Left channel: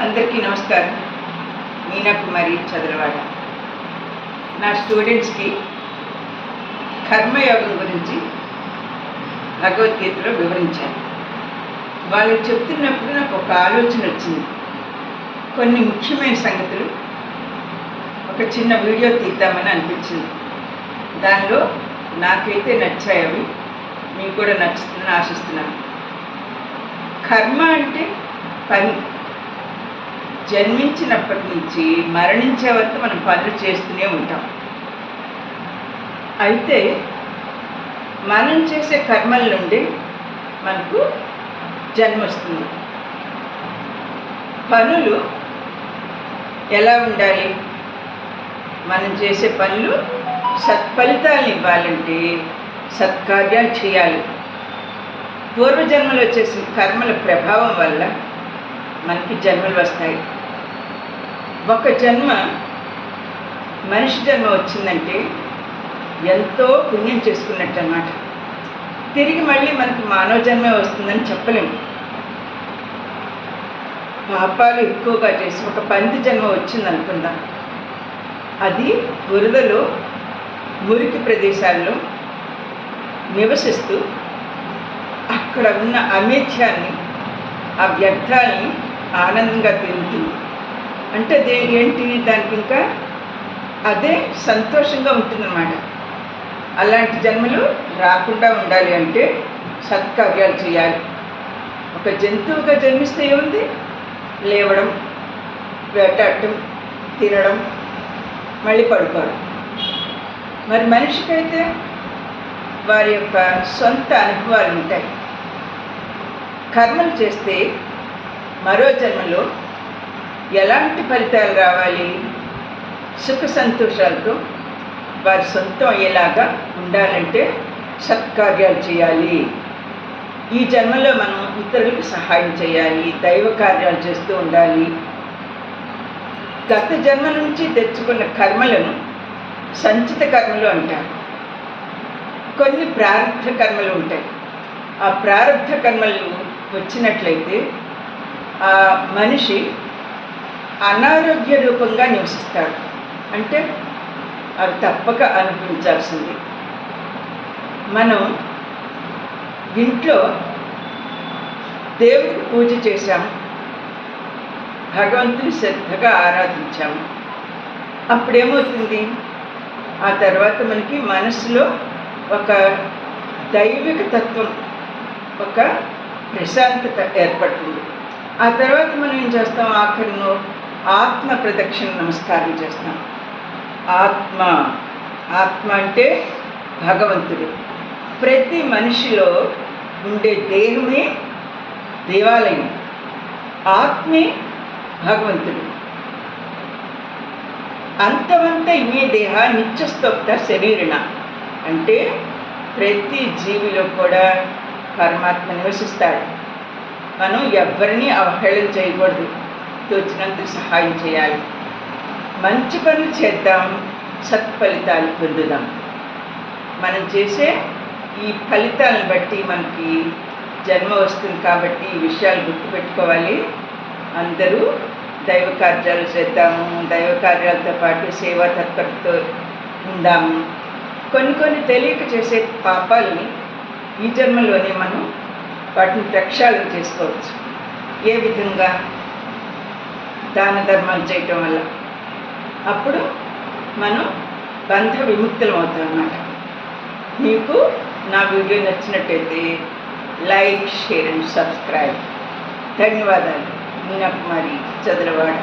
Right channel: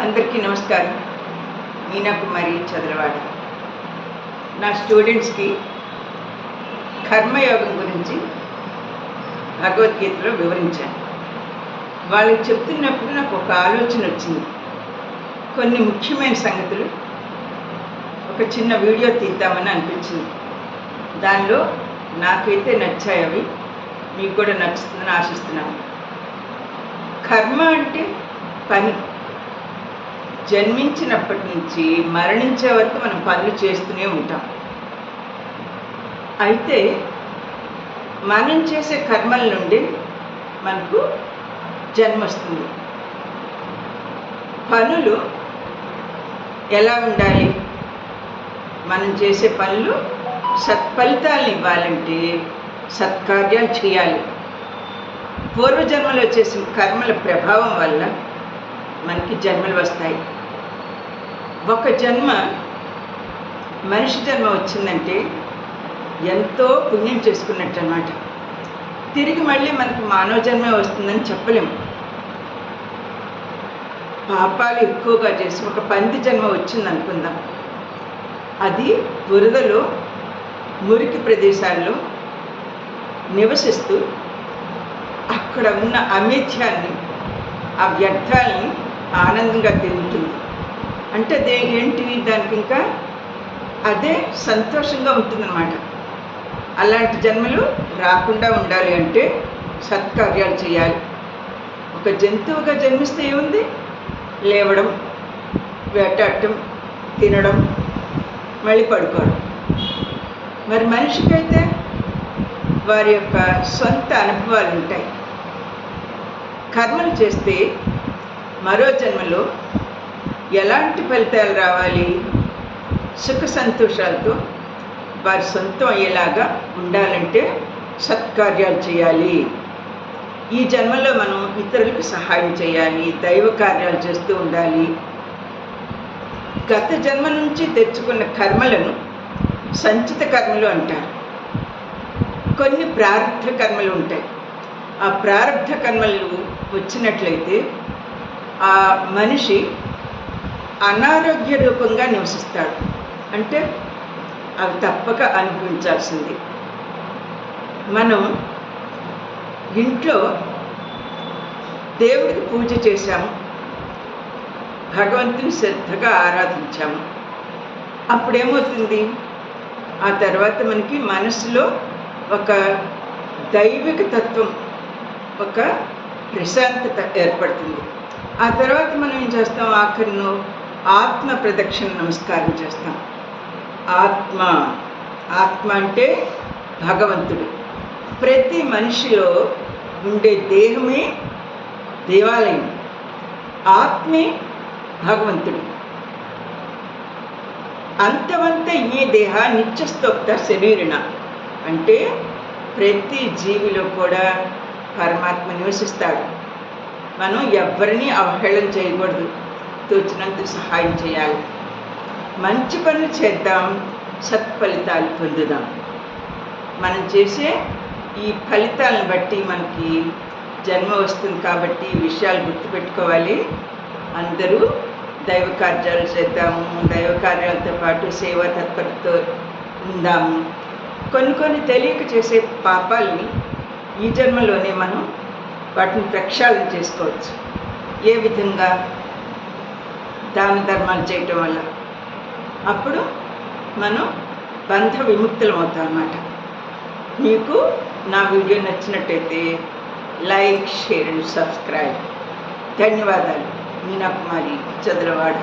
అందరికీ నమస్కారం. మీనాకుమారి చదలవాడ. నా స్టూడెంట్స్కి కర్మయోగం గురించి భగవద్గీతలో వివరించాను. వాళ్ళకి చెప్తున్నప్పుడు నాకు ఒక ఆలోచన వచ్చింది. కొన్ని ముఖ్యమైన సంగతులు ఒక చిన్న వీడియో తీద్దామని అనిపించింది. దానిలో నాకైతే నచ్చాయి, అవి మీకు కూడా నచ్చుతుందని ఆశిస్తున్నాను. కర్మ అంటే పని. జన్మించినప్పటి నుంచి మరణించే వరకు మనం పనులు చేస్తూనే ఉంటాం. అయితే మనం చేసే కర్మల నుండి మనకు జన్మ వస్తుంది. పనులు ఎలా ఉండాలి? మనం చేసే పనులు సత్ఫలితాలను ఇవ్వాలంటే సత్కార్యాలు చేయాలి. పూర్వజన్మలో చేసిన కర్మల ప్రభావం వల్ల మనకి జన్మలు వస్తాయి. ఒక జన్మ మనిషి జన్మ వచ్చిందంటే ఎంతో పుణ్యం చేసుకున్నట్టు అన్నమాట. తిరిగి మళ్ళీ మనకు మానవ జన్మ వస్తుందని చెప్పలేము. పాపాలు ఎక్కువగా చేసి ఒక పంది జన్మ వచ్చింది అనుకుందాం. అది బురదలో మురికి ప్రదేశాల్లో నివసిస్తూ అక్కడ ఉన్న అమేధ్యాన్ని, ఆ వ్యర్థాలని ఆనందంగా తింటుంది. అంటే ఏంటి, దానికి ఇంకా అదే సంతోషంగా ఉంటుందన్నమాట. అలాంటి జన్మలు రాకుండా ఉండాలి అంటే సత్కార్యాలు చేయాలి. ఒక జంతువుగా జన్మిస్తే ఏముంది? లేవడం, వేటాడటం, తినడం, మళ్ళీ పడుకోవడం. మరి మనిషికైతే వారి యొక్క సొంత అనుభవాలు ఉంటాయి. కర్మలు చేస్తే మరో జన్మలో ఎలాంటి ఫలితాలు రావాలి? సుఖ సంతోషాలతో వారి సొంతం అయ్యేలాగా ఉండాలంటే సత్కార్యాలు చేయాలి. ఈ జన్మలో మనం ఇతరులకు సహాయం చేయాలి, దైవ కార్యాలు చేస్తూ ఉండాలి. గత జన్మ నుంచి తెచ్చుకున్న కర్మలను సంచిత కర్మలు అంటారు. కొన్ని ప్రారంభ కర్మలు ఉంటాయి. ఆ ప్రారంభ కర్మలు వచ్చినట్లయితే ఆ మనిషి అనారోగ్య రూపంగా నివసిస్తాడు. అంటే అవి తప్పక అనుభవించాల్సింది. మనం ఇంట్లో దేవుడికి పూజ చేశాము, భగవంతుని శ్రద్ధగా ఆరాధించాము. అప్పుడేమవుతుంది? ఆ తర్వాత మనకి మనసులో ఒక దైవిక తత్వం, ఒక ప్రశాంతత ఏర్పడుతుంది. ఆ తర్వాత మనం ఏం చేస్తాం? ఆఖరిలో ఆత్మ ప్రదక్షిణ నమస్కారం చేస్తాం. ఆత్మ అంటే భగవంతుడు. ప్రతి మనిషిలో ఉండే దేహమే దేవాలయం, ఆత్మే భగవంతుడు. అంతవంత ఇమే దేహ నిత్యస్తోక్త శరీరణ. అంటే ప్రతి జీవిలో కూడా పరమాత్మ నివసిస్తాడు. మనం ఎవ్వరినీ అవహేళన చేయకూడదు, తోచినంత సహాయం చేయాలి. మంచి పనులు చేద్దాం, సత్ఫలితాలు పొందుదాం. మనం చేసే ఈ ఫలితాలను బట్టి మనకి జన్మ వస్తుంది. కాబట్టి ఈ విషయాలు గుర్తుపెట్టుకోవాలి. అందరూ దైవ కార్యాలు చేద్దాము, దైవ కార్యాలతో పాటు సేవా తత్పరతో ఉందాము. కొన్ని తెలియక చేసే పాపాలని ఈ జన్మలోనే మనం వాటిని ప్రక్షాళన చేసుకోవచ్చు. ఏ విధంగా? దాన ధర్మాలు చేయటం వల్ల. అప్పుడు మనం బంధ విముక్తులం అవుతాం అన్నమాట. మీకు నా వీడియో నచ్చినట్టయితే లైక్, షేర్ అండ్ సబ్స్క్రైబ్. ధన్యవాదాలు. మీనాకుమారి చదలవాడ.